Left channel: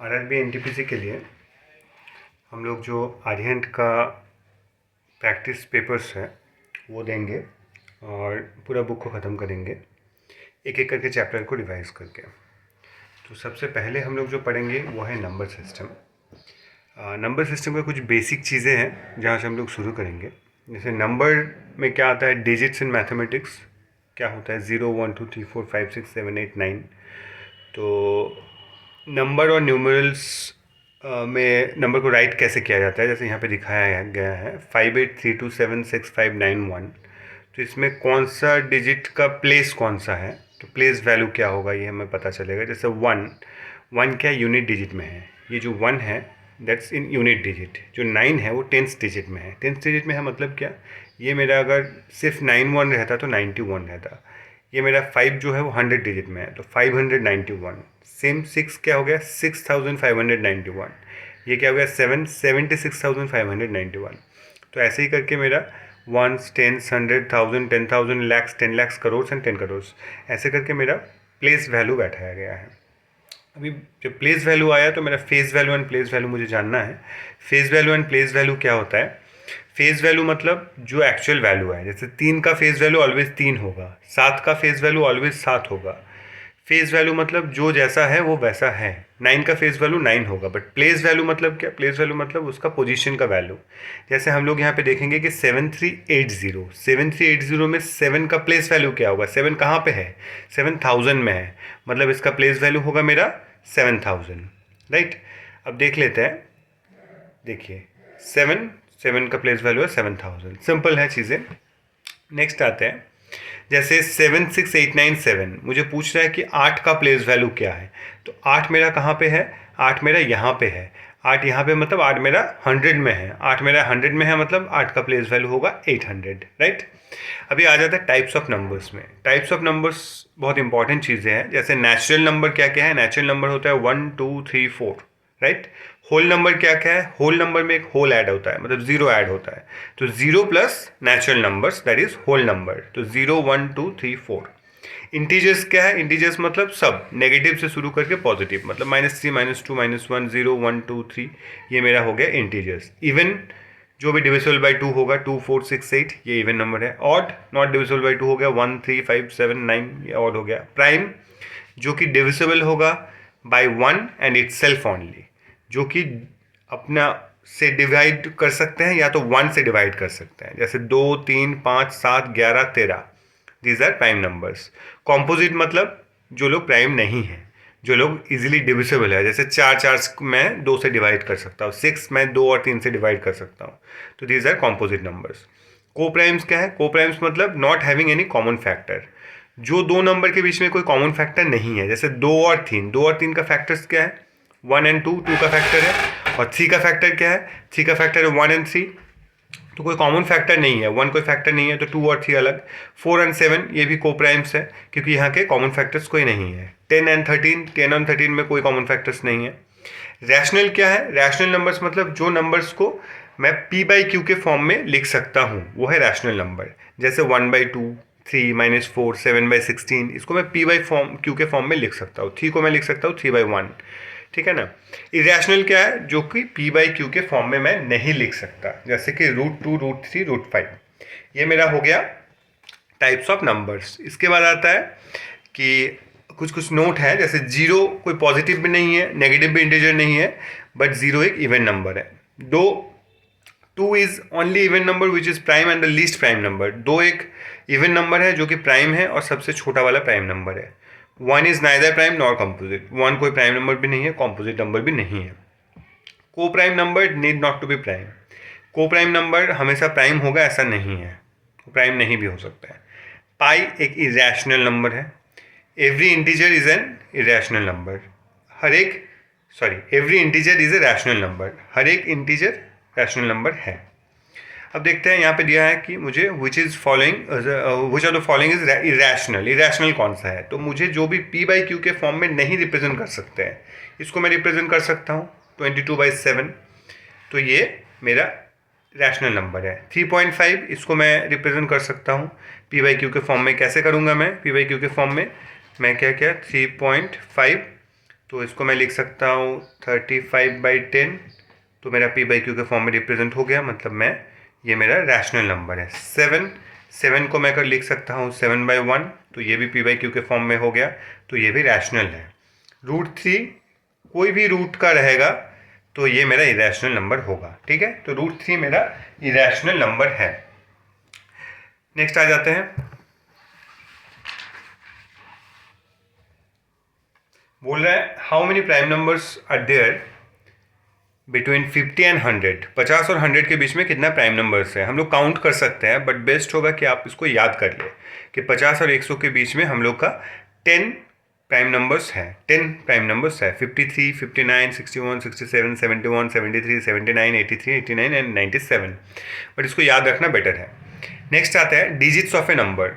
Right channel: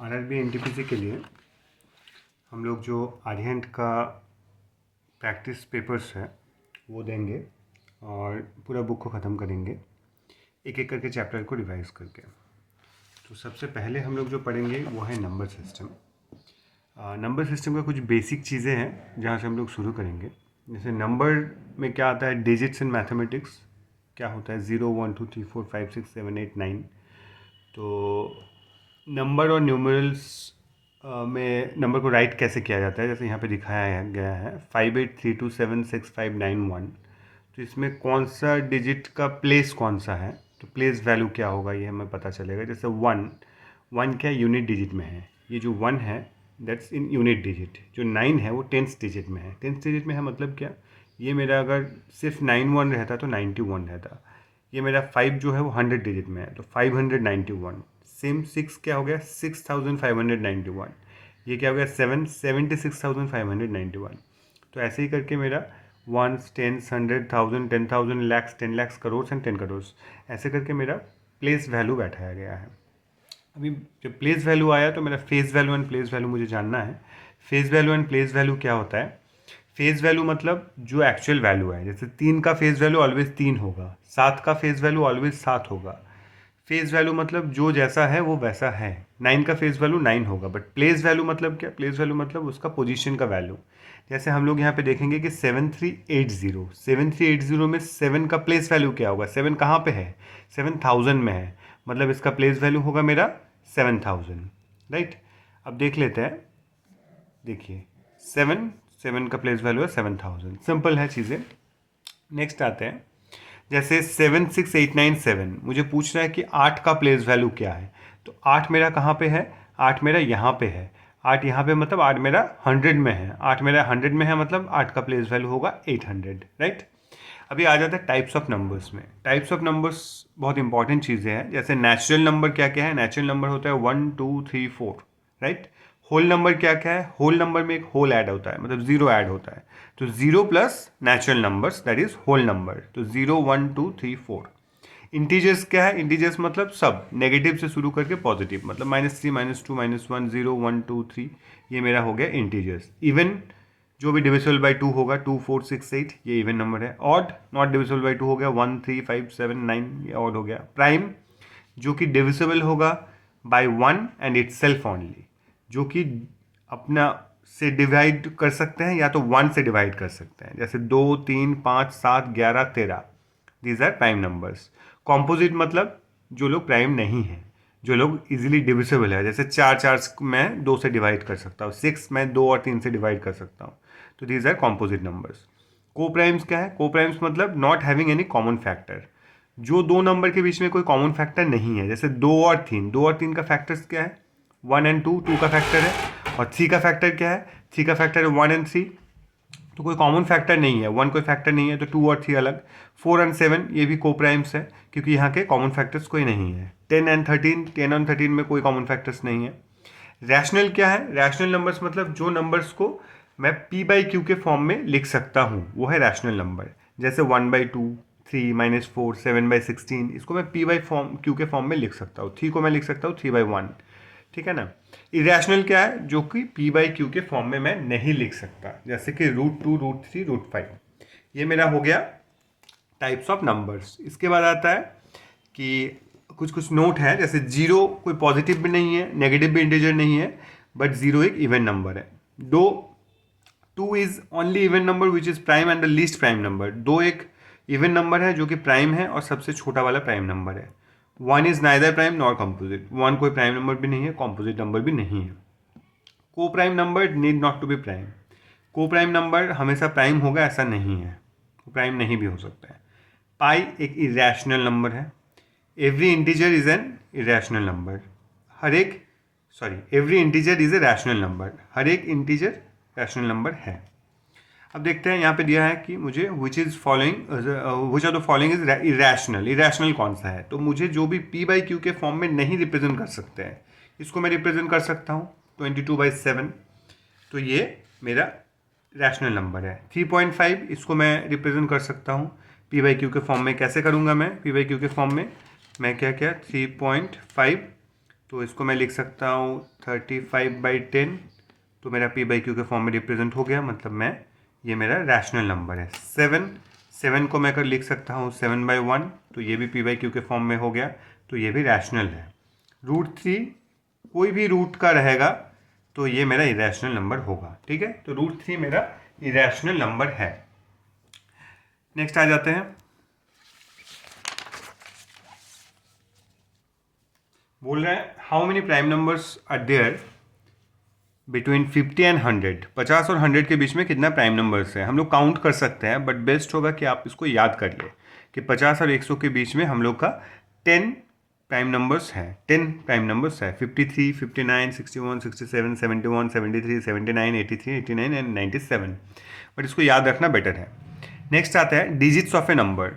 RRB NTPC के लिए हम लोग जो आर्यहंट का प्रैक्टिस पेपर्स है वो देंगे और पूरा बुक को ख़त्म करेंगे एक एक करके चैप्टर को रिवाइज करके। तो सबसे पहले हम लोग जो पढ़ेंगे वो है नंबर सिस्टम। नंबर सिस्टम का कुछ बेसिक चीज़ें हैं जहाँ से हम लोग शुरू करेंगे। जैसे नंबर में क्या आता है, डिजिट्स इन मैथमेटिक्स क्या होता है, 0 1 2 3 4 5 6 7 8 9। तो नंबर और न्यूमरल्स में नंबर को राइट कैसे किया जाता है, जैसे यहाँ पे दिखाया गया है 5832765591। तो इसमें कौन सा डिजिट का प्लेस कौन सा है, तो प्लेस वैल्यू क्या होगा ये हमें पता चलेगा। जैसे वन क्या यूनिट डिजिट में है, ये जो 1 है दैट्स इन यूनिट डिजिट, जो 9 है वो टेंथ डिजिट में है। टेंथ डिजिट में है मतलब क्या, ये मेरा अगर सिर्फ 91 रहता तो 91 रहता। ये मेरा 5 जो है वो 100 डिजिट में है तो 591। सेम 6 क्या हो गया, 6591। ये क्या हो गया, 7 76,591। तो ऐसे ही करके मेरा ones, tens, 100,000, 10,000, lakhs, 10 lakhs, crore and 10 crore, ऐसे करके मेरा प्लेस वैल्यू बैठाया गया है। अभी जब प्लेस वैल्यू आया तो मेरा face value and place value मुझे जानना है। Face value and place value क्या होता है, फेस वैल्यू मतलब जो एक्चुअल वैल्यू है। जैसे 3 का फेस वैल्यू ऑलवेज 3 होगा, 7 का फेस वैल्यू ऑलवेज 7 होगा। फेस वैल्यू मतलब जो जैसा है वो वैसा है। 9 का फेस वैल्यू 9 होगा। बट प्लेस वैल्यू मतलब क्या, प्लेस वैल्यू मतलब उसका पोजीशन का वैल्यू। जैसे हम लोग यहाँ पे देखेंगे कि 7380 में 7 का प्लेस वैल्यू क्या होगा, 7 कहाँ पे है, 7000 में है, मतलब इसका प्लेस वैल्यू होगा मेरा 7000, राइट। अब देख लेते हैं, देखिए 7 का प्लेस वैल्यू है 7000, सिंपल है चीज़ें। नेक्स्ट आते हैं, जैसे 76897 मुझे पूछ रहा है कि 8 का प्लेस वैल्यू क्या है। तो 8 मेरा कहाँ पे है, 8 मेरा यहाँ पे है। 8 यहाँ पे मतलब 8 मेरा 100 में है, 8 मेरा 100 में है मतलब 8 का प्लेस वैल्यू होगा 800, राइट। अभी आ जाता है टाइप्स ऑफ नंबर्स में। टाइप्स ऑफ नंबर्स बहुत इंपॉर्टेंट चीज़ें हैं। जैसे नेचुरल नंबर क्या क्या है, नेचुरल नंबर होता है 1 2 3 4, राइट। होल नंबर क्या क्या है, होल नंबर में एक होल ऐड होता है, मतलब जीरो ऐड होता है। तो zero plus natural numbers that is whole number, तो 0 1 2 3 4। इंटीजर्स क्या है, इंटीजर्स मतलब सब नेगेटिव से शुरू करके पॉजिटिव, मतलब -3 -2 -1 0 1 2 3, ये मेरा हो गया इंटीजर्स। इवन जो भी डिविजिबल बाई 2 होगा 2 4 6 8, ये इवन नंबर है। ऑड नॉट डिविजिबल बाई 2 हो गया 1 3 5 7 9, ये ऑड हो गया। प्राइम जो कि डिविजिबल होगा बाय 1 एंड इटसेल्फ ओनली, जो कि अपना से डिवाइड कर सकते हैं या तो 1 से डिवाइड कर सकते हैं। जैसे 2 3 5 7 11 13, these are prime numbers. Composite मतलब जो लोग प्राइम नहीं हैं, जो लोग इजीली डिविजिबल है। जैसे 4 मैं 2 से डिवाइड कर सकता हूँ, 6 मैं 2 और 3 से डिवाइड कर सकता हूँ, तो दीज आर कॉम्पोजिट नंबर्स। को प्राइम्स क्या है, को प्राइम्स मतलब not having any common factor, जो दो नंबर के बीच में कोई कॉमन फैक्टर नहीं है। जैसे 2 और 3 का फैक्टर्स क्या है, 1 एंड 2, 2 का फैक्टर है। और 3 का फैक्टर क्या है, 3 का फैक्टर है 1 एंड 3, तो कोई कॉमन फैक्टर नहीं है। 1 कोई फैक्टर नहीं है तो 2 और 3 अलग। 4 एंड 7 ये भी को प्राइम्स है क्योंकि यहाँ के कॉमन फैक्टर्स कोई नहीं है। 10 एंड 13, 10 और 13 में कोई कॉमन फैक्टर्स नहीं है। रैशनल क्या है, रैशनल नंबर्स मतलब जो नंबर्स को मैं p बाई क्यू के फॉर्म में लिख सकता हूँ वो है रैशनल नंबर। जैसे 1/2, 3 -4, 7/16, इसको मैं p बाई क्यू के फॉर्म में लिख सकता हूँ। 3 को मैं लिख सकता हूँ 3/1, ठीक है ना। इरेशनल क्या है, जो कि p बाई क्यू के फॉर्म में मैं नहीं लिख सकता, जैसे कि √2, √3, √5। ये मेरा हो गया टाइप्स ऑफ नंबर्स। इसके बाद आता है कि कुछ कुछ नोट है, जैसे 0 कोई पॉजिटिव भी नहीं है, नेगेटिव भी इंटीजर नहीं है, बट 0 एक इवन नंबर है। 2 is only even number which is prime and the least prime number. 2 एक इवन नंबर है जो कि प्राइम है और सबसे छोटा वाला प्राइम नंबर है। 1 is neither prime nor composite, 1 कोई प्राइम नंबर भी नहीं है, कॉम्पोजिट नंबर भी नहीं है। Coprime number need not to be prime, coprime number हमेशा प्राइम होगा ऐसा नहीं है, प्राइम नहीं भी हो सकता है। पाई एक इरेशनल नंबर है। Every integer is an irrational number, every integer is a rational number, हर एक इंटीजर रैशनल नंबर है। अब देखते हैं यहाँ पे दिया है कि मुझे which are the following is irrational. Irrational कौन सा है, तो मुझे जो भी p बाई क्यू के फॉर्म में नहीं रिप्रेजेंट कर सकते हैं, इसको मैं रिप्रेजेंट कर सकता हूँ 22/7, तो ये मेरा रैशनल नंबर है। 3.5 इसको मैं रिप्रेजेंट कर सकता हूँ p बाई क्यू के फॉर्म में। कैसे करूँगा मैं, p बाई क्यू के फॉर्म में मैं क्या 3.5 तो इसको मैं लिख सकता हूँ 35/10, तो मेरा पी बाई क्यू के फॉर्म में रिप्रेजेंट हो गया, मतलब मैं ये मेरा रैशनल नंबर है। 7 को मैं अगर लिख सकता हूँ 7/1, तो ये भी पी बाई क्यू के फॉर्म में हो गया, तो ये भी रैशनल है। √3 कोई भी रूट का रहेगा तो ये मेरा इरेशनल नंबर होगा, ठीक है। तो √3 मेरा इरेशनल नंबर है। नेक्स्ट आ जाते हैं, बोल रहा है how many prime numbers are there between 50 and 100। 50 और 100 के बीच में कितना प्राइम नंबर्स है। हम लोग काउंट कर सकते हैं, बट बेस्ट होगा कि आप इसको याद कर ले कि 50 और 100 के बीच में हम लोग का 10 प्राइम नंबर्स है। 10 प्राइम नंबर्स है, 53, 59, 61, 67, 71, 73, 79, 83, 89 एंड 97। बट इसको याद रखना बेटर है। नेक्स्ट आता है digits of A number.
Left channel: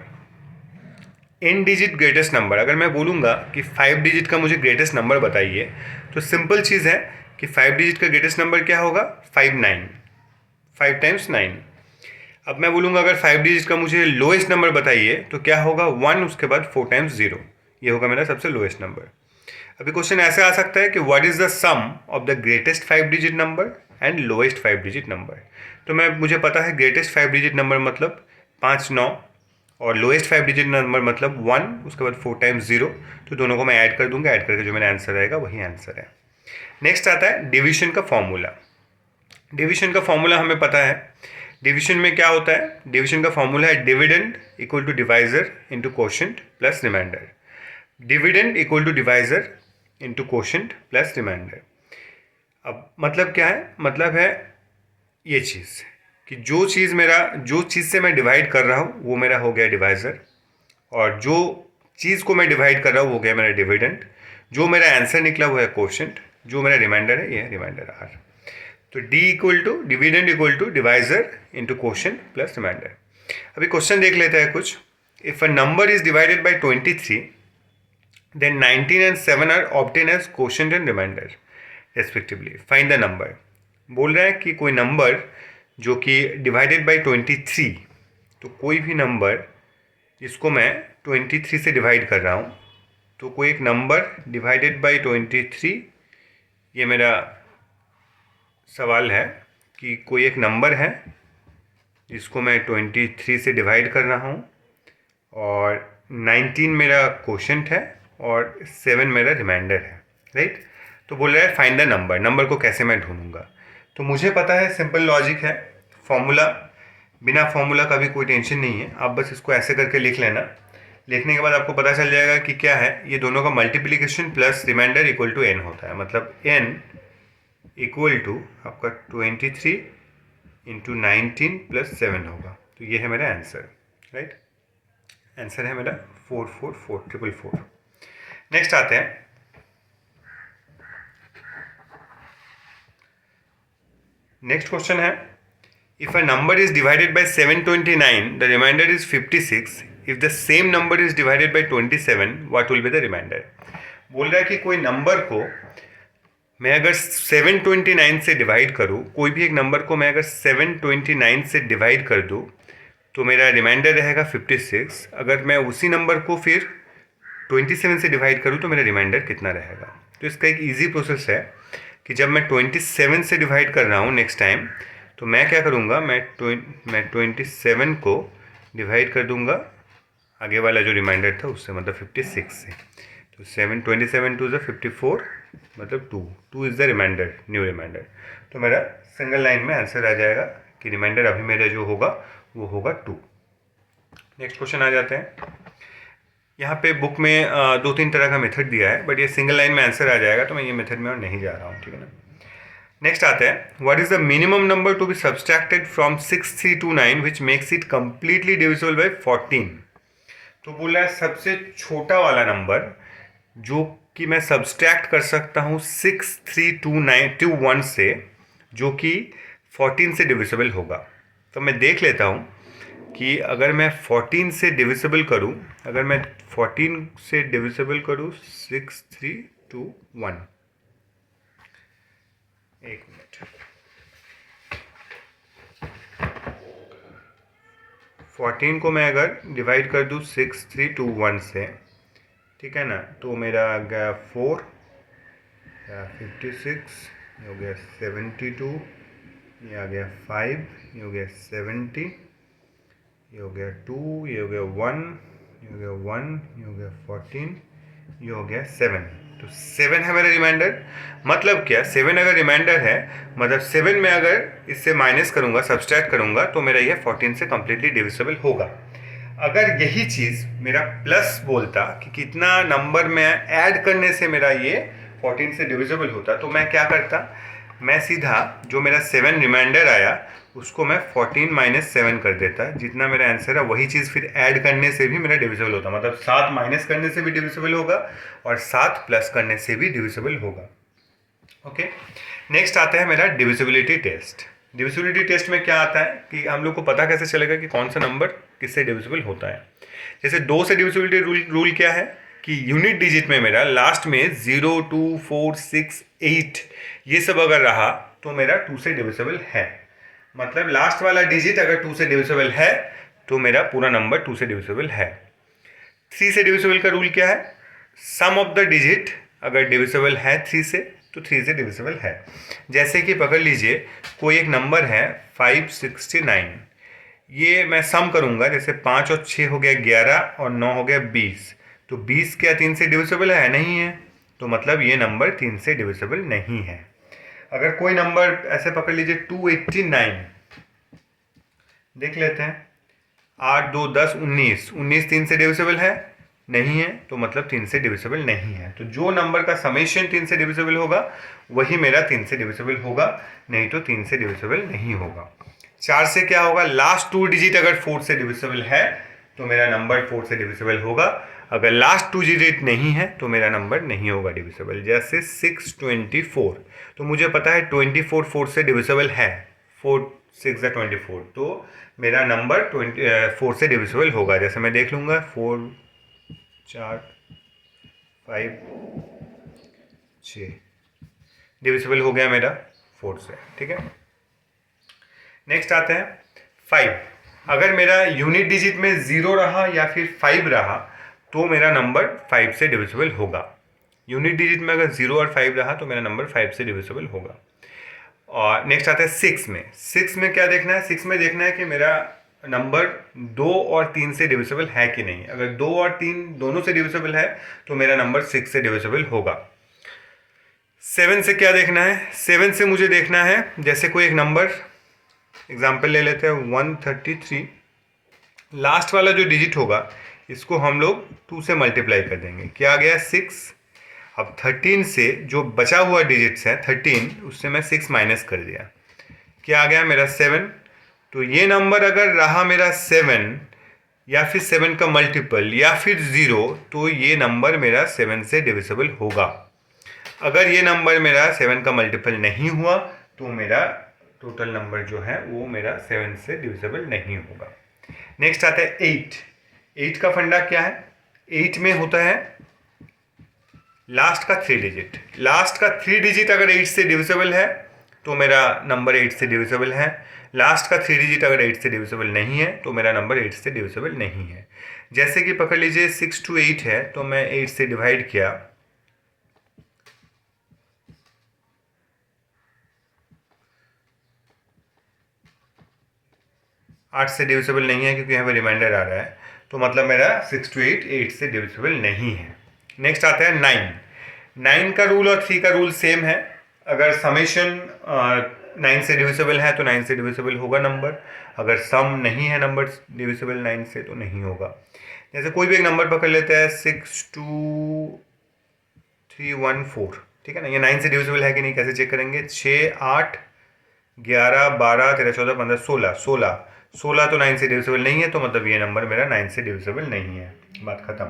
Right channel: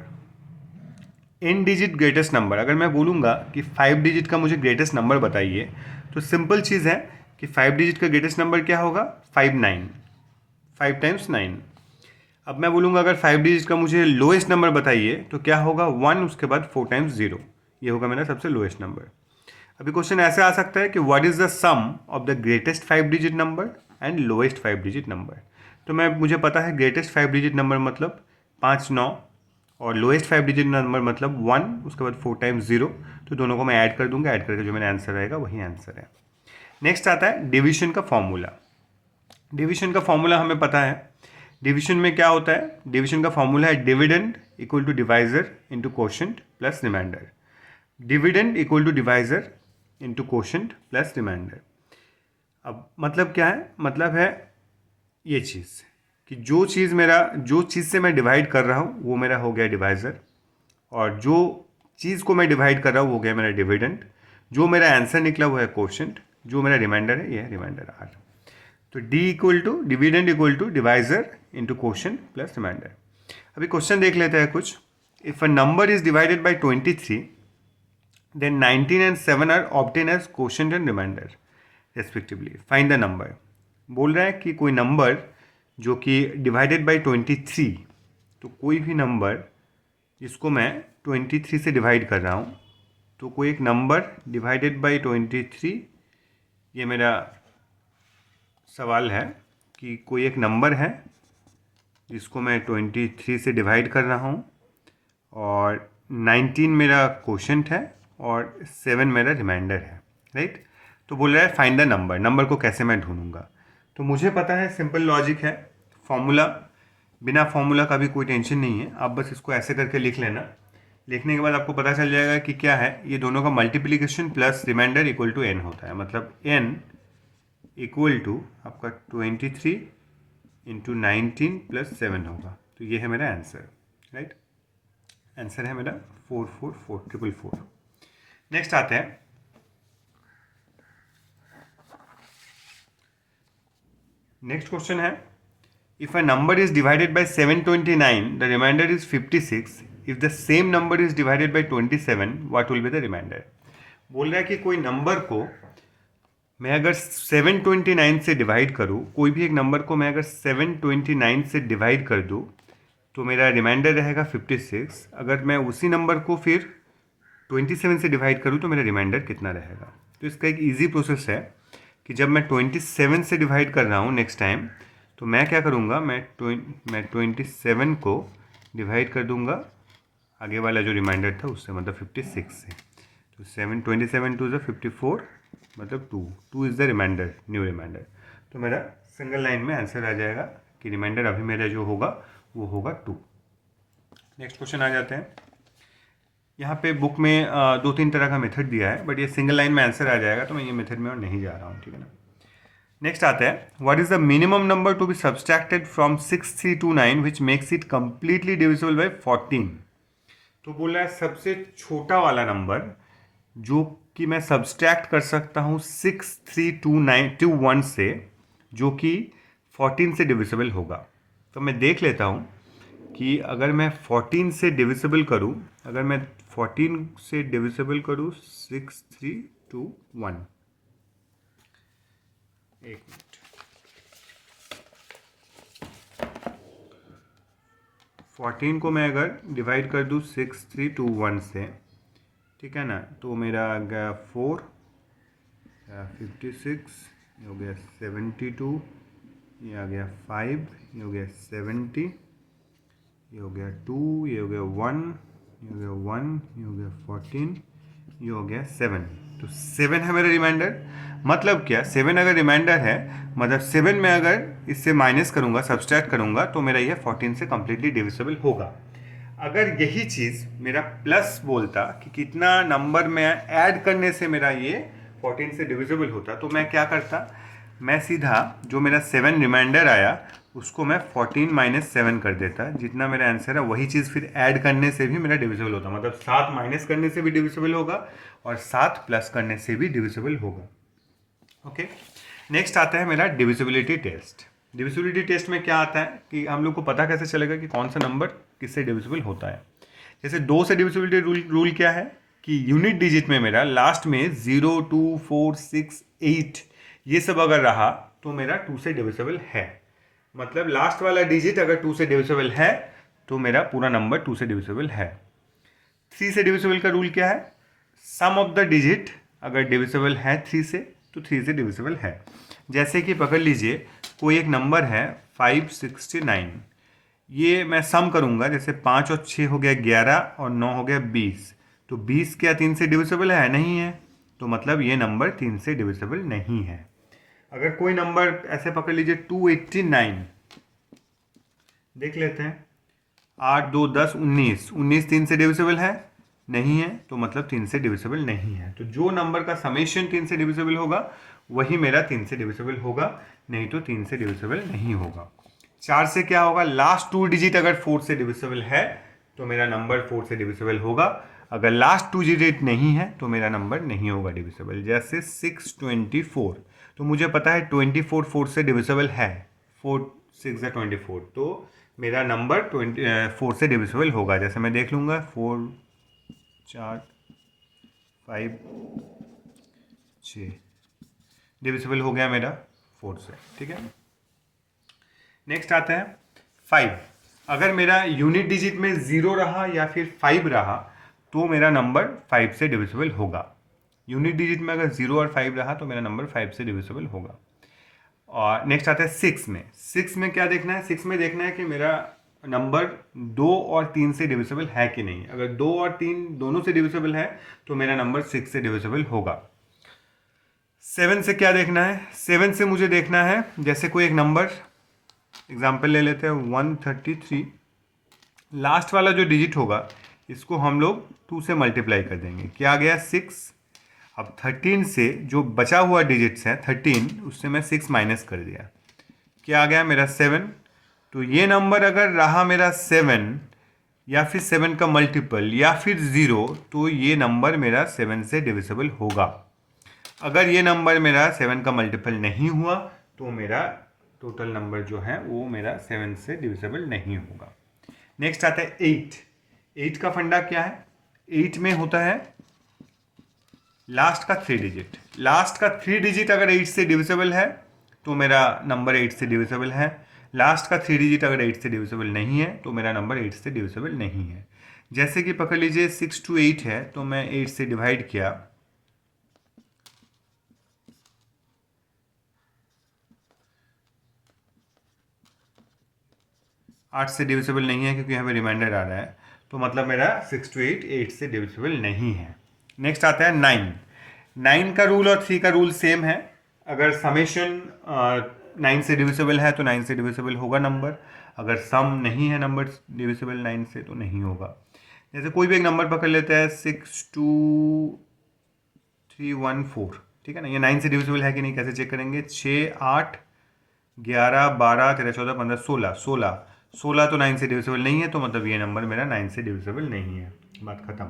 In digit greatest number. अगर मैं बोलूँगा कि 5 डिजिट का मुझे ग्रेटेस्ट नंबर बताइए, तो सिंपल चीज़ है कि 5 डिजिट का ग्रेटेस्ट नंबर क्या होगा, 59, 5 टाइम्स 9। अब मैं बोलूँगा अगर 5 डिजिट का मुझे लोएस्ट नंबर बताइए, तो क्या होगा, 1 उसके बाद 4 टाइम्स 0, ये होगा मेरा सबसे लोएस्ट नंबर। अभी क्वेश्चन ऐसे आ सकता है कि what is the sum of the greatest 5 digit number and lowest 5 digit number. तो मुझे पता है ग्रेटेस्ट 5 डिजिट नंबर मतलब 5 9, और लोएस्ट 5 डिजिट नंबर मतलब 1 उसके बाद 4 टाइम्स 0। तो दोनों को मैं ऐड कर दूंगा, ऐड करके जो मेरा आंसर आएगा वही आंसर है। नेक्स्ट आता है डिवीजन का फॉर्मूला। डिवीजन का फॉर्मूला हमें पता है। डिवीजन में क्या होता है, डिवीजन का फॉर्मूला है dividend equal to divisor into quotient plus remainder. Dividend equal to divisor into quotient plus remainder. अब मतलब क्या है, मतलब है ये चीज़ कि जो चीज़ से मैं डिवाइड कर रहा हूँ वो मेरा हो गया डिवाइज़र, और जो चीज़ को मैं डिवाइड कर रहा हूँ वो गया मेरा डिविडेंड, जो मेरा आंसर निकला वो है कोशेंट, जो मेरा रिमाइंडर है ये है रिमाइंडर आर। तो D equal to dividend equal to divisor into quotient plus remainder. अभी क्वेश्चन देख लेते हैं कुछ। If a number is divided by 23, then 19 and 7 are obtained as quotient and remainder respectively. Find the number। बोल रहा है कि कोई नंबर जो कि डिवाइडेड बाई 23, तो कोई भी नंबर जिसको मैं 23 से डिवाइड कर रहा हूँ, तो कोई एक नंबर डिवाइडेड बाई 23, ये मेरा सवाल है कि कोई एक नंबर है जिसको मैं 23 से डिवाइड कर रहा हूँ, और 19 मेरा क्वोशंट है और 7 मेरा रिमाइंडर है, राइट। तो बोल रहा है फाइंड द नंबर, नंबर को कैसे मैं ढूंढूंगा। तो मुझे पता है, सिंपल लॉजिक है, फॉर्मूला, बिना फॉर्मूला का भी कोई टेंशन नहीं है, आप बस इसको ऐसे करके लिख लेना। लिखने के बाद आपको पता चल जाएगा कि क्या है, ये दोनों का multiplication plus remainder equal to n होता है, मतलब n इक्वल टू आपका 23 इंटू 19 प्लस 7 होगा। तो ये है मेरा आंसर, राइट। आंसर है मेरा 44444। नेक्स्ट आते हैं, नेक्स्ट क्वेश्चन है if a number is divided by 729 the remainder is 56, if the same number is divided by 27 what will be the remainder. बोल रहा है कि कोई नंबर को मैं अगर 729 से डिवाइड करूँ, कोई भी एक नंबर को मैं अगर 729 से डिवाइड कर दूँ, तो मेरा रिमाइंडर रहेगा 56। अगर मैं उसी नंबर को फिर 27 से डिवाइड करूँ तो मेरा रिमाइंडर कितना रहेगा। तो इसका एक इजी प्रोसेस है कि जब मैं 27 से डिवाइड कर रहा हूँ नेक्स्ट टाइम, तो मैं क्या करूँगा, मैं 27 को डिवाइड कर दूँगा आगे वाला जो रिमाइंडर था उससे, मतलब 56 से। तो 27 टू ज़ 54, मतलब 2 is the remainder, new remainder. तो मेरा सिंगल लाइन में आंसर आ जाएगा कि रिमाइंडर अभी मेरा जो होगा वो होगा 2। नेक्स्ट क्वेश्चन आ जाते हैं। यहाँ पे बुक में 2-3 तरह का मेथड दिया है, बट ये सिंगल लाइन में आंसर आ जाएगा, तो मैं ये मेथड में और नहीं जा रहा हूँ, ठीक है ना। नेक्स्ट आता है what is the minimum number to be subtracted from 6329 which makes it completely divisible by 14। तो बोला है सबसे छोटा वाला नंबर जो कि मैं सब्सट्रैक्ट कर सकता हूँ 6329 से, जो कि 14 से डिविजिबल होगा। तो मैं देख लेता हूँ कि अगर मैं 14 से डिविजिबल करूँ, अगर मैं 14 से डिविजिबल करूँ 6321, एक मिनट, 14 को मैं अगर डिवाइड कर दूँ 6321 से, ठीक है ना, तो मेरा आ गया 4 56, ये हो गया 72, ये आ गया 5, ये हो गया 70, ये हो गया 2, ये हो गया 1, ये हो गया 1, ये हो गया 14, ये हो गया 7। तो 7 है मेरा रिमाइंडर। मतलब क्या, 7 अगर रिमाइंडर है, मतलब 7 में अगर इससे माइनस करूंगा, सब्सट्रैक्ट करूंगा, तो मेरा ये 14 से कंप्लीटली डिविजिबल होगा। अगर यही चीज़ मेरा प्लस बोलता कि कितना नंबर में ऐड करने से मेरा ये 14 से डिविजिबल होता, तो मैं क्या करता, मैं सीधा जो मेरा 7 रिमाइंडर आया उसको मैं 14 माइनस 7 कर देता, जितना मेरा आंसर है वही चीज़ फिर ऐड करने से भी मेरा डिविजिबल होता। मतलब 7 माइनस करने से भी डिविजिबल होगा और 7 प्लस करने से भी डिविजिबल होगा। ओके, नेक्स्ट आता है मेरा डिविजिबिलिटी टेस्ट। डिविजिबिलिटी टेस्ट में क्या आता है कि हम लोग को पता कैसे चलेगा कि कौन सा नंबर किससे डिविजिबल होता है। जैसे 2 से डिविजिबिलिटी रूल क्या है कि यूनिट डिजिट में मेरा लास्ट में 0, 2, 4, 6, 8 ये सब अगर रहा तो मेरा 2 से डिविजिबल है। मतलब लास्ट वाला डिजिट अगर 2 से डिविजिबल है तो मेरा पूरा नंबर 2 से डिविजिबल है। 3 से डिविजिबल का रूल क्या है, सम ऑफ द डिजिट अगर डिविजिबल है 3 से तो 3 से डिविजिबल है। जैसे कि पकड़ लीजिए कोई एक नंबर है 569, ये मैं सम करूंगा, जैसे 5 और 6 हो गया 11 और 9 हो गया 20, तो 20 क्या 3 से डिविजिबल है? नहीं है। तो मतलब ये नंबर 3 से डिविजिबल नहीं है। अगर कोई नंबर ऐसे पकड़ लीजिए 289, देख लेते हैं, 8, 2, 10, 19, 19 3 से डिविजिबल है? नहीं है। तो मतलब 3 से डिविजिबल नहीं है। तो जो नंबर का समेशन 3 से डिविजिबल होगा वही मेरा 3 से डिविजिबल होगा, नहीं तो 3 से डिविजिबल नहीं होगा। 4 से क्या होगा, लास्ट 2 डिजिट अगर 4 से डिविजिबल है तो मेरा नंबर 4 से डिविजिबल होगा, अगर लास्ट 2 डिजिट नहीं है तो मेरा नंबर नहीं होगा डिविजिबल। जैसे 624, तो मुझे पता है 24 4 से डिविजिबल है, 4 6 24, तो मेरा नंबर 4 से डिविजिबल होगा। जैसे मैं देख लूँगा 4 4 5 6 डिविजिबल हो गया मेरा 4 से। ठीक है, नेक्स्ट आता है 5। अगर मेरा यूनिट डिजिट में 0 रहा या फिर 5 रहा तो मेरा नंबर 5 से डिविजिबल होगा। यूनिट डिजिट में अगर 0 और 5 रहा तो मेरा नंबर 5 से डिविजिबल होगा। और नेक्स्ट आता है 6 में। 6 में क्या देखना है, 6 में देखना है कि मेरा नंबर 2 और 3 से डिविजिबल है कि नहीं। अगर 2 और 3 दोनों से डिविजिबल है तो मेरा नंबर 6 से डिविजिबल होगा। 7 से क्या देखना है, 7 से मुझे देखना है, जैसे कोई एक नंबर एग्जाम्पल ले लेते हैं 133, लास्ट वाला जो डिजिट होगा इसको हम लोग 2 से मल्टीप्लाई कर देंगे, क्या आ गया 6। अब 13 से जो बचा हुआ डिजिट्स है 13, उससे मैं 6 माइनस कर दिया, क्या आ गया मेरा 7। तो ये नंबर अगर रहा मेरा 7 या फिर 7 का मल्टीपल या फिर 0, तो ये नंबर मेरा 7 से डिविजिबल होगा। अगर ये नंबर मेरा 7 का मल्टीपल नहीं हुआ तो मेरा टोटल नंबर जो है वो मेरा 7 से डिविजिबल नहीं होगा। नेक्स्ट आता है 8। 8 का फंडा क्या है, 8 में होता है लास्ट का 3 डिजिट। लास्ट का 3 डिजिट अगर 8 से डिविजिबल है तो मेरा नंबर 8 से डिविजिबल है। लास्ट का 3 डिजिट अगर 8 से डिविजिबल नहीं है तो मेरा नंबर 8 से डिविजिबल नहीं है। जैसे कि पकड़ लीजिए 6 to 8 है, तो मैं 8 से डिवाइड किया, 8 से डिविजिबल नहीं है क्योंकि यहाँ पे रिमाइंडर आ रहा है, तो मतलब मेरा 6 to 8 8 से डिविजिबल नहीं है। नेक्स्ट आता है 9। 9 का रूल और 3 का रूल सेम है। अगर समेशन 9 से डिविजिबल है तो 9 से डिविजिबल होगा नंबर, अगर सम नहीं है नंबर डिविजिबल 9 से तो नहीं होगा। जैसे कोई भी एक नंबर पकड़ लेते हैं 62314, ठीक है ना, ये 9 से डिविजिबल है कि नहीं कैसे चेक करेंगे, 6 8 11 12 13 14 15 16 16 16 तो 9 से डिविजिबल नहीं है, तो मतलब ये नंबर मेरा 9 से डिविजिबल नहीं है, बात खत्म।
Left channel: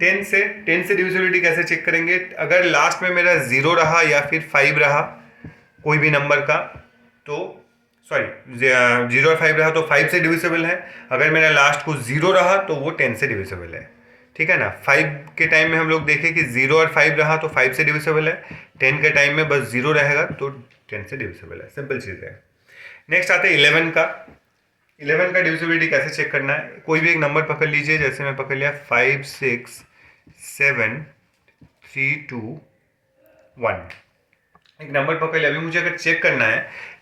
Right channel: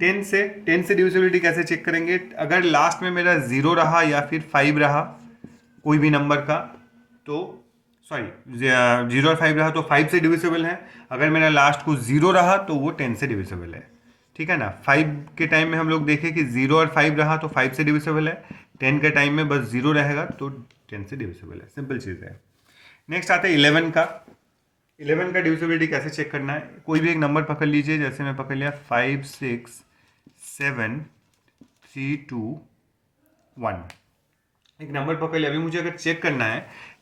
10 से डिविजिबिलिटी कैसे चेक करेंगे, अगर लास्ट में मेरा 0 रहा या फिर 5 रहा कोई भी नंबर का, तो सॉरी 0 और 5 रहा तो 5 से डिविजिबल है। अगर मेरा लास्ट को 0 रहा तो वो 10 से डिविजिबल है, ठीक है ना। 5 के टाइम में हम लोग देखें कि 0 और 5 रहा तो 5 से डिविजिबल है, 10 के टाइम में बस 0 रहेगा तो 10 से डिविजिबल है, सिंपल चीज़ है। नेक्स्ट आते हैं 11 का। 11 का डिविजिबिलिटी कैसे चेक करना है, कोई भी एक नंबर पकड़ लीजिए, जैसे मैं पकड़ लिया 5 6 7 3 2 1, एक नंबर पकड़ लिया। अभी मुझे अगर चेक करना है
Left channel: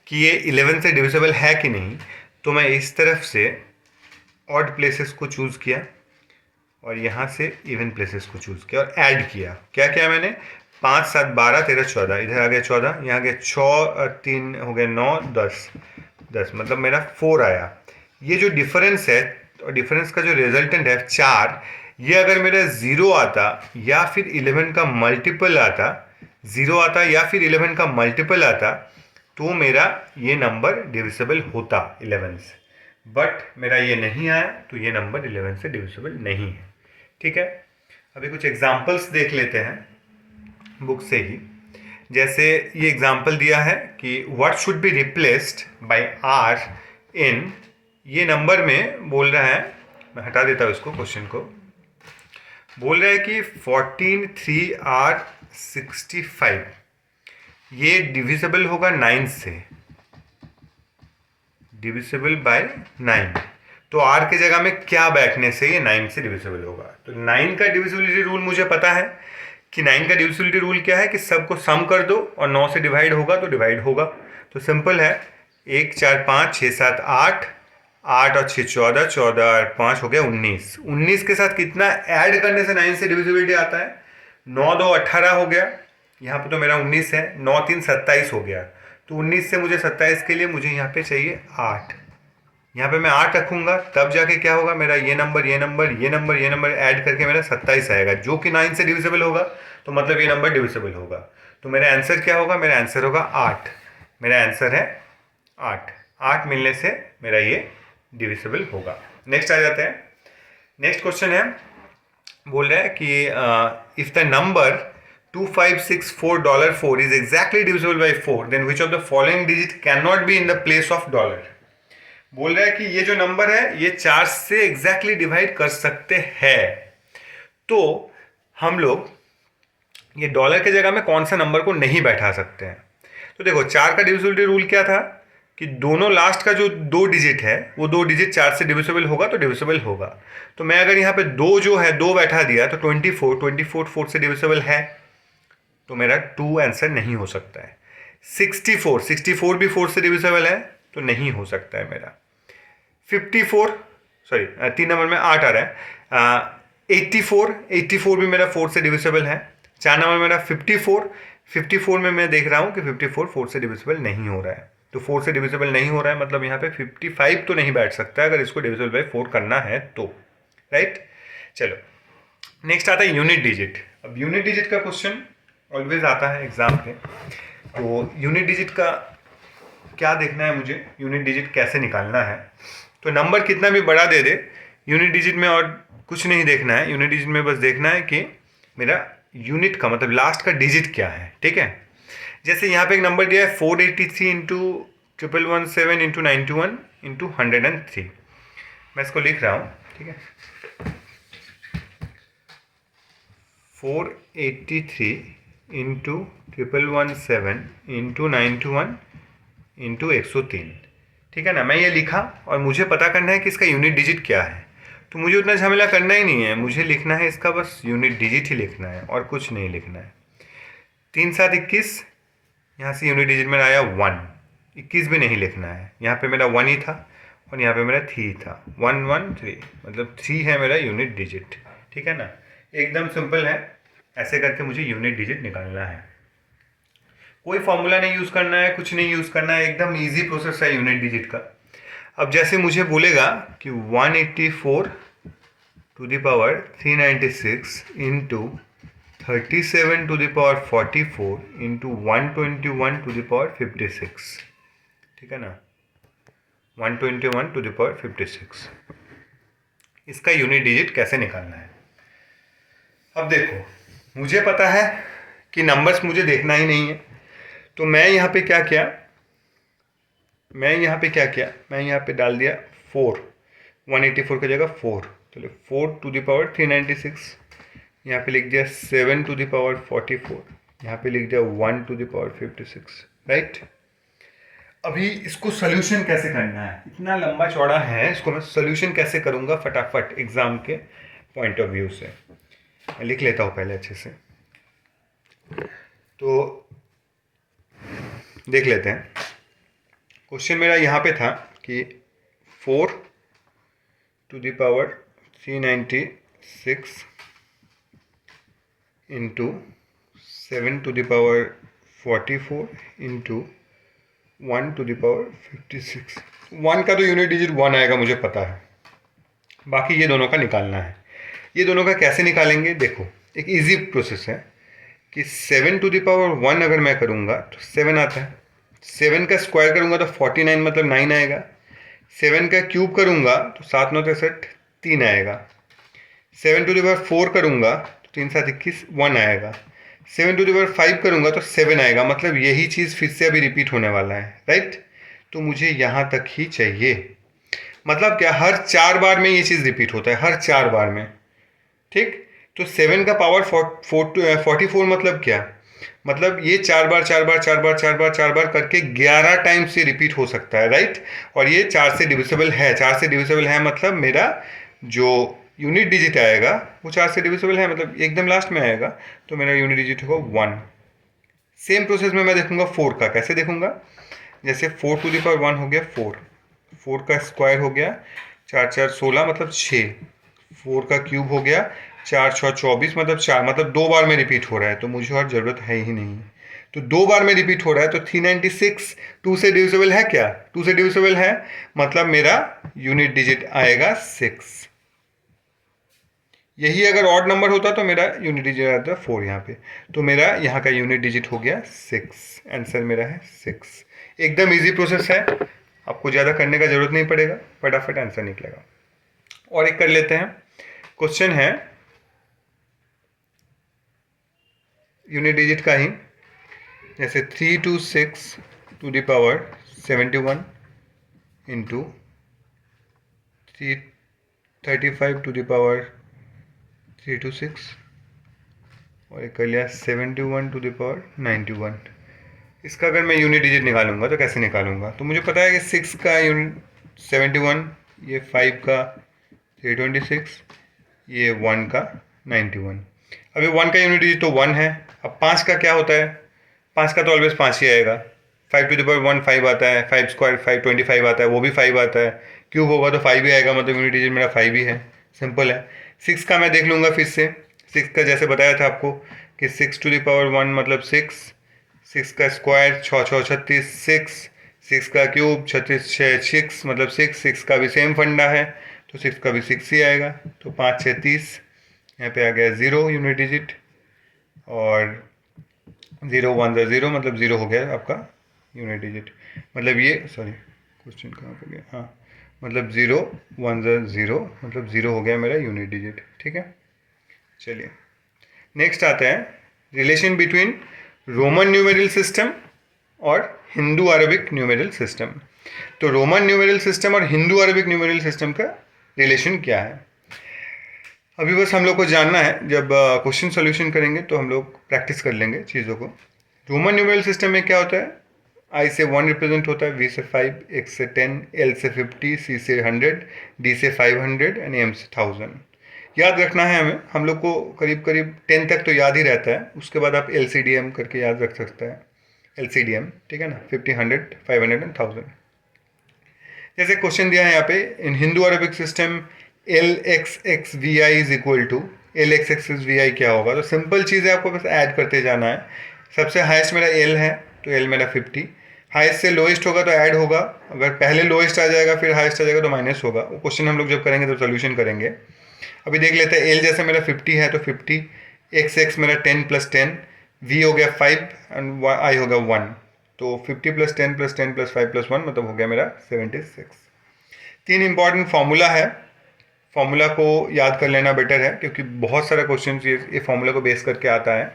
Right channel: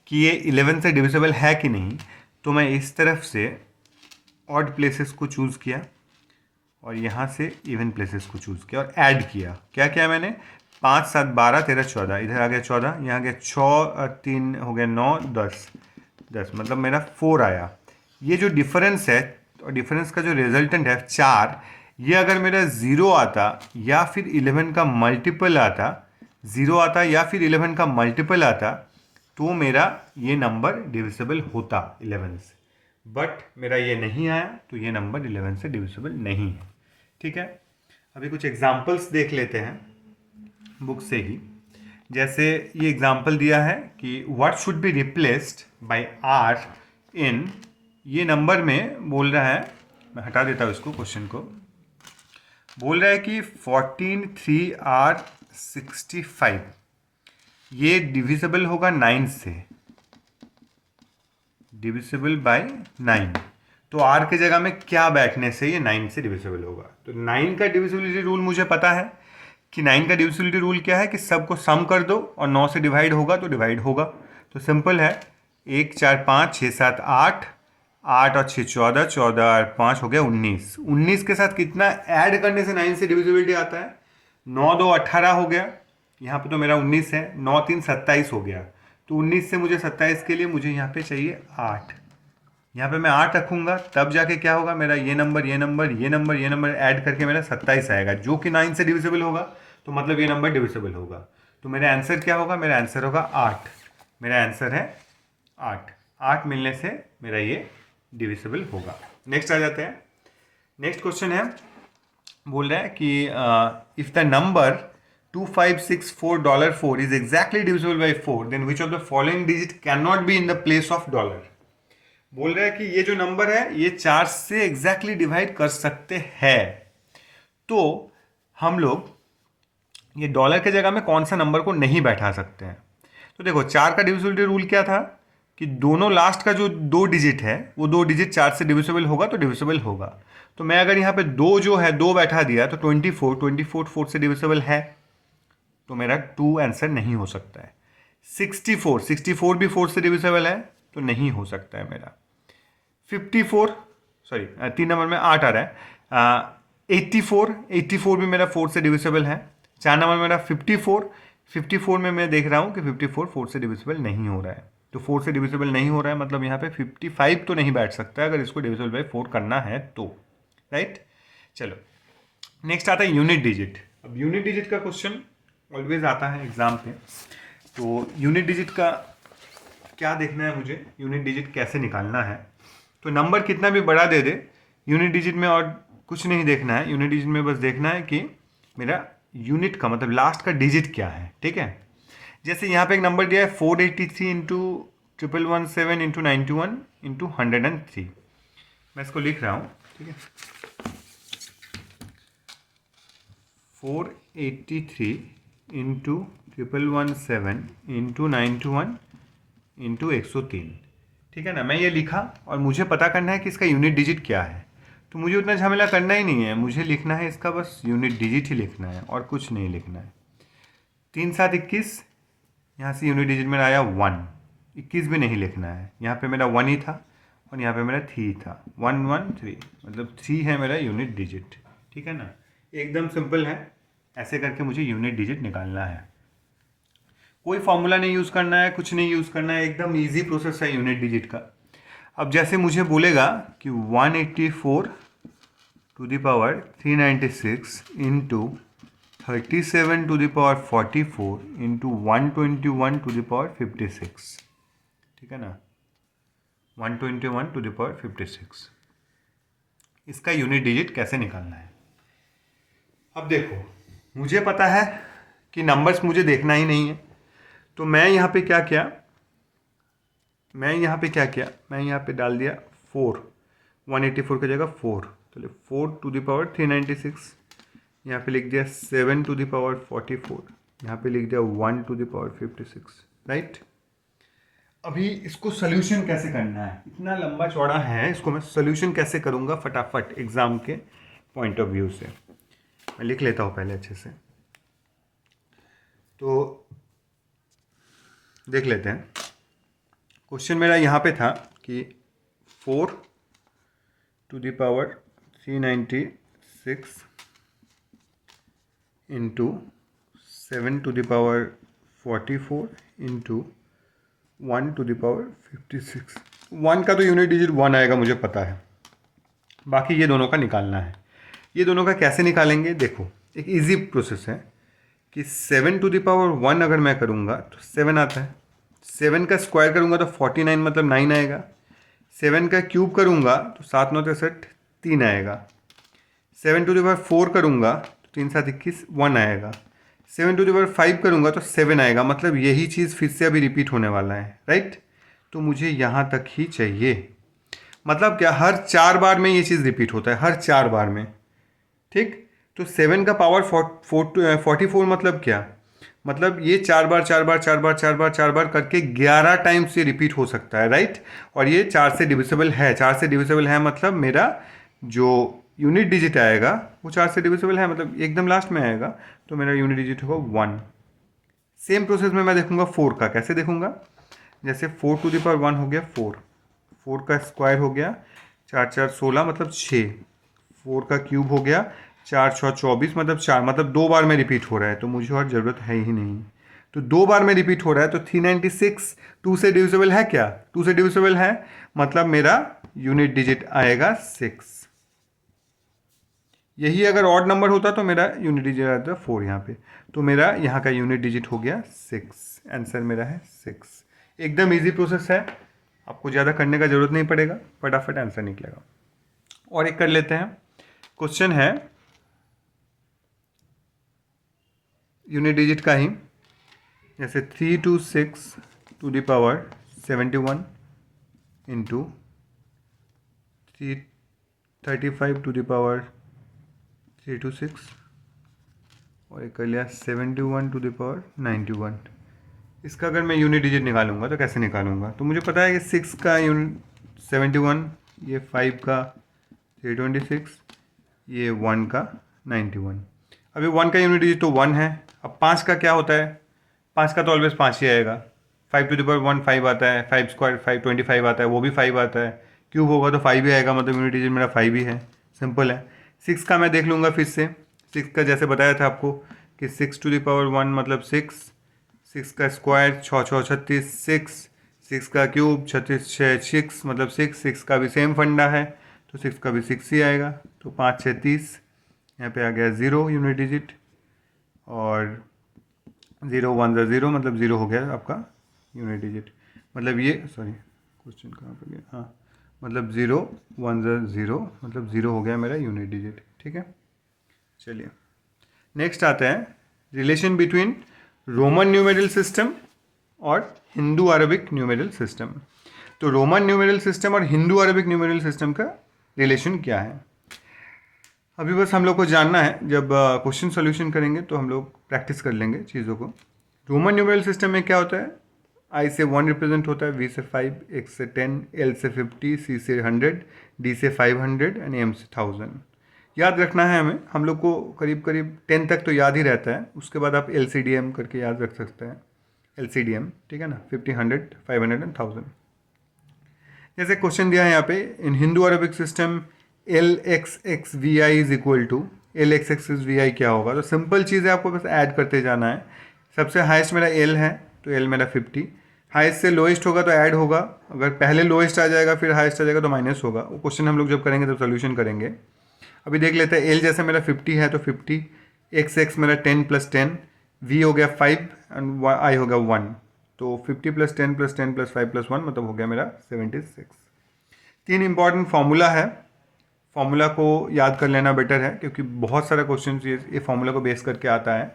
कि ये 11 से डिविजिबल है कि नहीं, तो मैं इस तरफ से ऑड प्लेसेस को चूज़ किया और यहाँ से इवन प्लेसेस को चूज़ किया और ऐड किया। क्या किया मैंने, 5 7 12 13 14, इधर आ गया 14, यहाँ आ गया 6 और 3 हो गया 9 10 10, मतलब मेरा 4 आया। ये जो डिफरेंस है और डिफरेंस का जो रिजल्टेंट है 4, ये अगर मेरा 0 आता या फिर 11 का मल्टीपल आता, 0 आता या फिर 11 का मल्टीपल आता, तो मेरा ये नंबर डिविजिबल होता 11 से। बट मेरा ये नहीं आया, तो ये नंबर 11 से डिविजिबल नहीं है। ठीक है, अभी कुछ एग्जाम्पल्स देख लेते हैं बुक से ही। जैसे ये एग्जाम्पल दिया है कि what should be replaced by R in, ये नंबर में बोल रहा है, मैं हटा देता हूँ इसको, क्वेश्चन को। बोल रहा है कि 14 3 आर 65, ये डिविजिबल होगा 9 से, डिविजिबल बाय 9। तो r की जगह में क्या बैठने से ये 9 से डिविजिबल होगा। तो 9 का डिविजिबिलिटी रूल मुझे पता है कि 9 का डिविजिबिलिटी रूल क्या है कि सबको सम कर दो और 9 से डिवाइड होगा तो डिवाइड होगा। तो सिंपल है, 1 4 5 6 7 8, 8 और 6 14, 14 और 5 हो गया 19। 19 के साथ कितना ऐड करने से 9 से डिविजिबिलिटी आता है, 9 2 18 हो गया, यहाँ पे तो मेरा 19 है, 9 3 27 हो गया। तो 19 से मुझे 27 के लिए मुझे यहाँ पे चाहिए 8, यहाँ पे मैं 8 रखूँगा, तब जाके क्या होगा, मेरा ये नंबर ये नंबर ये नंबर ये नंबर ऐड करके मेरा 27 आएगा, जो कि 9 से डिविजिबल होगा। तो मतलब ये नंबर डिविजिबल होगा। तो मेरा आंसर क्या होगा, मेरा आंसर होगा 8। मेरा आंसर है 8। 8 मिलने से मेरा ये डिविजिबल होगा। नेक्स्ट आ जाते हैं। नेक्स्ट क्वेश्चन है, बोल रहा है कि if the number $2564 is exactly divisible by 4, then which of the following digit cannot be in the place of dollar। बोल रहा है कि ये जो नंबर है ये 4 से एग्जैक्टली डिवाइड कर सकते हैं, तो हम लोग ये डॉलर के जगह में कौन सा नंबर को नहीं बैठा सकते हैं। तो देखो 4 का डिविजिबिलिटी रूल क्या था कि दोनों लास्ट का जो 2 डिजिट है वो 2 डिजिट 4 से डिविजिबल होगा तो डिविजिबल होगा। तो मैं अगर यहाँ पे 2 जो है 2 बैठा दिया तो 24 4 से डिविजिबल है, तो मेरा 2 आंसर नहीं हो सकता है। 64 भी 4 से डिविजिबल है तो नहीं हो सकता है मेरा। 54, सॉरी 3 नंबर में 8 आ रहा है। 84 भी मेरा 4 से डिविजिबल है। 4 नंबर मेरा 54 में मैं देख रहा हूँ कि 54 4 से डिविजिबल नहीं हो रहा है। तो 4 से डिविजिबल नहीं हो रहा है, मतलब यहाँ पे 55 तो नहीं बैठ सकता अगर इसको डिविजिबल बाई 4 करना है तो, राइट। चलो नेक्स्ट आता है यूनिट डिजिट। अब यूनिट डिजिट का क्वेश्चन ऑलवेज आता है एग्जाम पे। तो यूनिट डिजिट का क्या देखना है मुझे, यूनिट डिजिट कैसे निकालना है। तो नंबर कितना भी बड़ा दे दे, यूनिट डिजिट में और कुछ नहीं देखना है। यूनिट डिजिट में बस देखना है कि मेरा यूनिट का मतलब लास्ट का डिजिट क्या है। ठीक है, जैसे यहाँ पे एक नंबर दिया है 483 इंटू 1117 इंटू 91 इंटू 103। मैं इसको लिख रहा हूँ, ठीक है। 483 इंटू 1117 इंटू 91 इंटू 103, ठीक है ना। मैं ये लिखा और मुझे पता करना है कि इसका यूनिट डिजिट क्या है। तो मुझे उतना झमेला करना ही नहीं है, मुझे लिखना है इसका बस यूनिट डिजिट ही लिखना है और कुछ नहीं लिखना है। 3 7 21, यहाँ से यूनिट डिजिट में आया 1। 21 भी नहीं लिखना है, यहाँ पे मेरा 1 ही था और यहाँ पे मेरा 3 था। 1 1 3, मतलब 3 है मेरा यूनिट डिजिट। ठीक है ना, एकदम सिंपल है। ऐसे करके मुझे यूनिट डिजिट निकालना है। कोई फॉर्मूला नहीं यूज़ करना है, कुछ नहीं यूज़ करना है, एकदम ईजी प्रोसेस है यूनिट डिजिट का। अब जैसे मुझे बोलेगा कि 184 to the power 396 into 37 to the power 44 into 121 to the power 56, ठीक है ना, 121 टू द पावर 56, इसका यूनिट डिजिट कैसे निकालना है। अब देखो मुझे पता है कि नंबर्स मुझे देखना ही नहीं है, तो मैं यहाँ पे क्या किया, मैं यहाँ पे डाल दिया 4, 184 की जगह 4, चलो 4 टू द पावर 396, यहाँ पे लिख दिया 7 टू द पावर 44, यहाँ पे लिख दिया 1 टू द पावर 56, राइट। अभी इसको सोल्यूशन कैसे करना है, इतना लंबा चौड़ा है, इसको मैं सोल्यूशन कैसे करूँगा फटाफट एग्ज़ाम के पॉइंट ऑफ व्यू से। मैं लिख लेता हूँ पहले अच्छे से। तो देख लेते हैं। क्वेश्चन मेरा यहाँ पे था कि 4 to the power 396 into 7 to the power 44 into 1 to the power 56। 1 का तो यूनिट डिजिट 1 आएगा, मुझे पता है। बाकी ये दोनों का निकालना है। ये दोनों का कैसे निकालेंगे? देखो, एक इजी प्रोसेस है कि 7 to the power 1 अगर मैं करूँगा तो 7 आता है। 7 का स्क्वायर करूँगा तो 49 मतलब 9 आएगा। 7 का क्यूब करूँगा तो 7 9 63 3 आएगा। 7 to the power 4 करूँगा तो 3 7 21 1 आएगा। 7 to the power 5 करूँगा तो 7 आएगा। मतलब यही चीज़ फिर से अभी रिपीट होने वाला है, राइट? तो मुझे यहाँ तक ही चाहिए। मतलब क्या, हर 4 बार में ये चीज़ रिपीट होता है, हर 4 बार में, ठीक? तो 7 का पावर 44 मतलब क्या? मतलब ये 4 बार 4 बार 4 बार 4 बार 4 बार करके 11 टाइम्स ये रिपीट हो सकता है, राइट? और ये 4 से डिविजिबल है। 4 से डिविजिबल है मतलब मेरा जो यूनिट डिजिट आएगा वो 4 से डिविजिबल है, मतलब एकदम लास्ट में आएगा। तो मेरा यूनिट डिजिट होगा 1। सेम प्रोसेस में मैं देखूंगा 4 का। कैसे देखूंगा? जैसे 4 to the power 1 हो गया 4, 4 का स्क्वायर हो गया 4 4 16 मतलब 6, 4 का क्यूब हो गया 4 6 24 मतलब 4, मतलब 2 बार में रिपीट हो रहा है, तो मुझे और ज़रूरत है ही नहीं। तो 2 बार में रिपीट हो रहा है तो 396 2 से डिविजिबल है क्या? 2 से डिविजिबल है, मतलब मेरा यूनिट डिजिट आएगा 6। यही अगर ऑड नंबर होता तो मेरा यूनिट डिजिट आता 4 यहाँ पे। तो मेरा यहाँ का यूनिट डिजिट हो गया 6। आंसर मेरा है 6। एकदम इजी प्रोसेस है, आपको ज़्यादा करने का ज़रूरत नहीं पड़ेगा, फटाफट आंसर निकलेगा। और एक कर लेते हैं। क्वेश्चन है यूनिट डिजिट का ही, जैसे 3 to 6 to the power 71 into 335 to the power 3 to 6, और एक कर लिया 71 to the power 91। इसका अगर मैं यूनिट डिजिट निकालूंगा तो कैसे निकालूंगा? तो मुझे पता है कि 6 का यूनिट 71, ये 5 का 326, ये 1 का 91। अभी 1 का यूनिट डिजिट तो 1 है। अब 5 का क्या होता है? 5 का तो ऑलवेज 5 ही आएगा। 5 to the power 1 5 आता है, 5 स्क्वायर 5 25 आता है, वो भी 5 आता है। क्यूब होगा तो 5 ही आएगा, मतलब यूनिट डिजिट मेरा 5 ही है। सिंपल है। 6 का मैं देख लूँगा फिर से। 6 का जैसे बताया था आपको कि 6 to the power 1 मतलब 6, 6 का स्क्वायर 6 6 36 6, 6 का क्यूब 36 6 6 मतलब 6, 6 का भी सेम फंडा है तो 6 का भी 6 ही आएगा। तो 5 6 30, यहाँ पे आ गया 0 यूनिट डिजिट, और 0 1 0 मतलब 0 हो गया आपका यूनिट डिजिट। मतलब ये, सॉरी क्वेश्चन कहाँ पे गया, हाँ, मतलब 0 1 0 मतलब 0 हो गया मेरा यूनिट डिजिट, ठीक है। चलिए नेक्स्ट आते हैं, relation between Roman numeral system और हिंदू अरबिक न्यूमेरल सिस्टम। तो रोमन न्यूमेरल सिस्टम और हिंदू अरबिक न्यूमेरल सिस्टम का रिलेशन क्या है? अभी बस हम लोग को जानना है। जब क्वेश्चन सॉल्यूशन करेंगे तो हम लोग प्रैक्टिस कर लेंगे चीज़ों को। रोमन न्यूमेरल सिस्टम में क्या होता है? आई से 1 रिप्रेजेंट होता है, वी से 5, एक्स से 10, एल से 50, सी से 100, डी से 500 एंड एम से 1000। याद रखना है हमें, हम लोग को करीब करीब 10 तक तो याद ही रहता है, उसके बाद आप एल सी डी एम करके याद रख सकते हैं। एल सी डी एम, ठीक है ना, 50 100 500 एंड 1000। जैसे क्वेश्चन दिया है यहाँ पे, in Hindu Arabic system L X X V I is equal to, L X X V I क्या होगा? तो सिंपल चीज़ है, आपको बस ऐड करते जाना है। सबसे हाईएस्ट मेरा एल है तो एल मेरा 50, हाईएस्ट से लोएस्ट होगा तो ऐड होगा, अगर पहले लोएस्ट आ जाएगा फिर हाईएस्ट आ जाएगा तो माइनस होगा। वो क्वेश्चन हम लोग जब करेंगे तब सोल्यूशन करेंगे। अभी देख लेते हैं, एल जैसे मेरा 50 है तो 50, एक्स एक्स मेरा 10 + 10, वी हो गया 5 एंड आई हो गया 1, तो 50 + 10 + 10 + 5 + 1 मतलब हो गया मेरा 76। 3 इंपॉर्टेंट फार्मूला है, फार्मूला को याद कर लेना बेटर है, क्योंकि बहुत सारा क्वेश्चन ये फार्मूला को बेस करके आता है।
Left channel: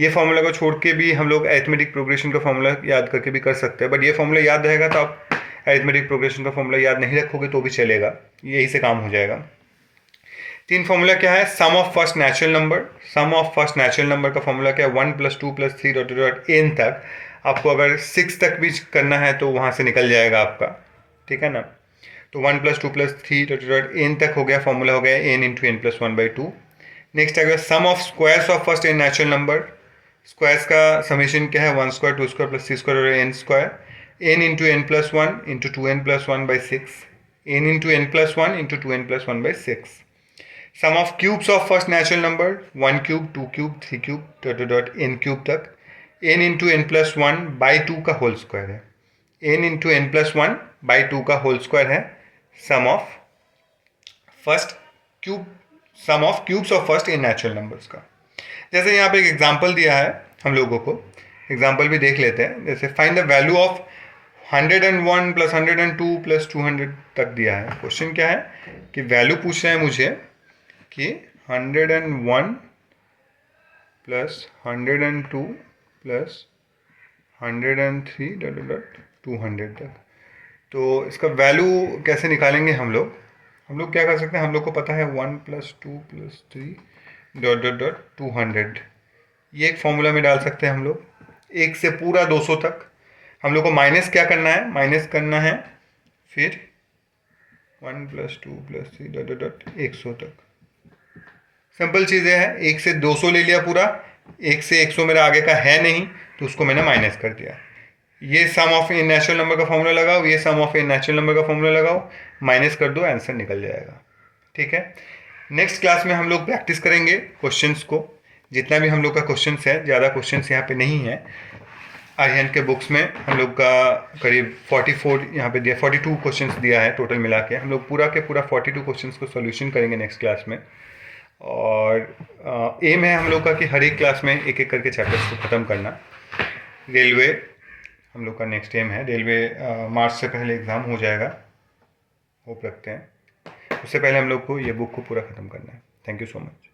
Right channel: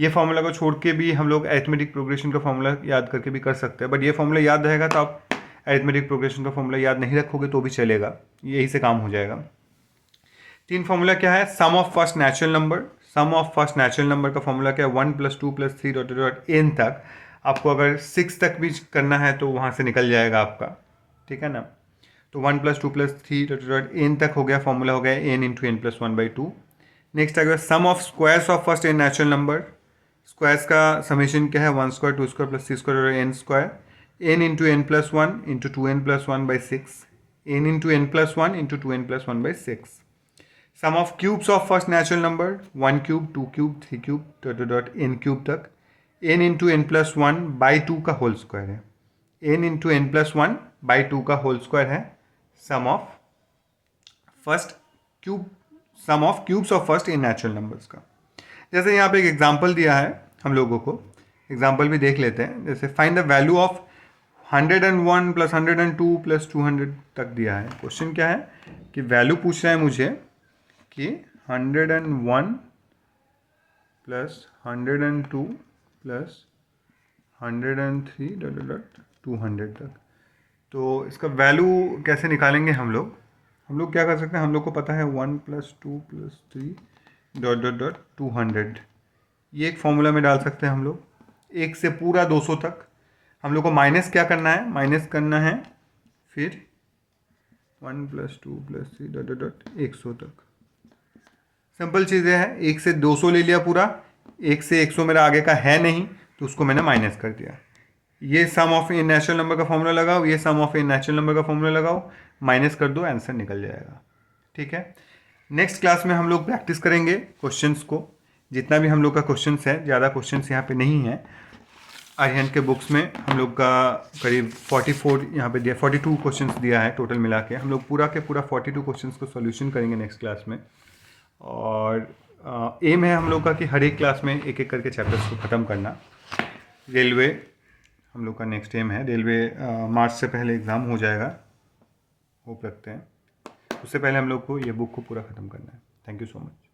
ये फार्मूला को छोड़ के भी हम लोग अरिथमेटिक प्रोग्रेशन का फार्मूला याद करके भी कर सकते हैं, बट ये फार्मूला याद रहेगा तो आप अरिथमेटिक प्रोग्रेशन का फार्मूला याद नहीं रखोगे तो भी चलेगा, यही से काम हो जाएगा। 3 फार्मूला क्या है? Sum of first natural number, sum of first natural number का फार्मूला क्या है? 1 + 2 + 3 डॉट एन तक। आपको अगर 6 तक भी करना है तो वहाँ से निकल जाएगा आपका, ठीक है ना। तो 1 + 2 + 3 डॉट एन तक हो गया, फार्मूला हो गया n × n + 1/2। नेक्स्ट आ गया sum of squares of first n natural number, squares का समेशन क्या है, 1 स्क्वायर 2 स्क्वायर प्लस 3 स्क्वायर और n square, n into n plus one into 2n+1/6, n into n plus one into 2n+1/6. Sum of cubes of first natural number 1 cube 2 cube 3 cube dot dot n cube तक, n into n+1/2 का whole square है, n into n+1/2 का whole square है sum of first cube, sum of cubes of first n natural numbers का. जैसे यहाँ पे एक एग्जांपल दिया है हम लोगों को, एग्जांपल भी देख लेते हैं. जैसे find the value of 101 plus 102 plus 200 तक दिया है. क्वेश्चन क्या है कि वैल्यू पूछ रहा है मुझे कि 101 प्लस 102 प्लस 103 डॉट डॉट 200 तक. तो इसका वैल्यू कैसे निकालेंगे हम लोग क्या कर सकते हैं, हम लोग को पता है 1 plus 2 plus 3 dot dot dot 200. ये एक फॉर्मूला में डाल सकते हैं हम लोग. 1 से पूरा 200 तक हम लोग को माइनस क्या करना है, माइनस करना है फिर 1 plus 2 plus 3 dot dot dot 100 तक. सिंपल चीज़ें हैं. 1 से 200 ले लिया पूरा, 1 से 100 मेरा आगे का है नहीं तो उसको मैंने माइनस कर दिया. ये सम ऑफ इन नेचुरल नंबर का फॉर्मूला लगाओ, ये सम ऑफ इन नेचुरल नंबर का फॉर्मूला लगाओ, माइनस कर दो, आंसर निकल जाएगा. ठीक है. नेक्स्ट क्लास में हम लोग प्रैक्टिस करेंगे क्वेश्चंस को. जितना भी हम लोग का क्वेश्चंस है, ज़्यादा क्वेश्चंस यहाँ पे नहीं है. आर्यन के बुक्स में हम लोग का करीब 44 यहाँ पे दिया, 42 क्वेश्चंस दिया है टोटल मिला के. हम लोग पूरा के पूरा 42 क्वेश्चंस को सॉल्यूशन करेंगे नेक्स्ट क्लास में. और एम है हम लोग का कि हर एक क्लास में एक एक करके चैप्टर्स को ख़त्म करना. रेलवे हम लोग का नेक्स्ट एम है. रेलवे मार्च से पहले एग्ज़ाम हो जाएगा, होप रखते हैं. उससे पहले हम लोग को ये बुक को पूरा ख़त्म करना है. Thank you so much.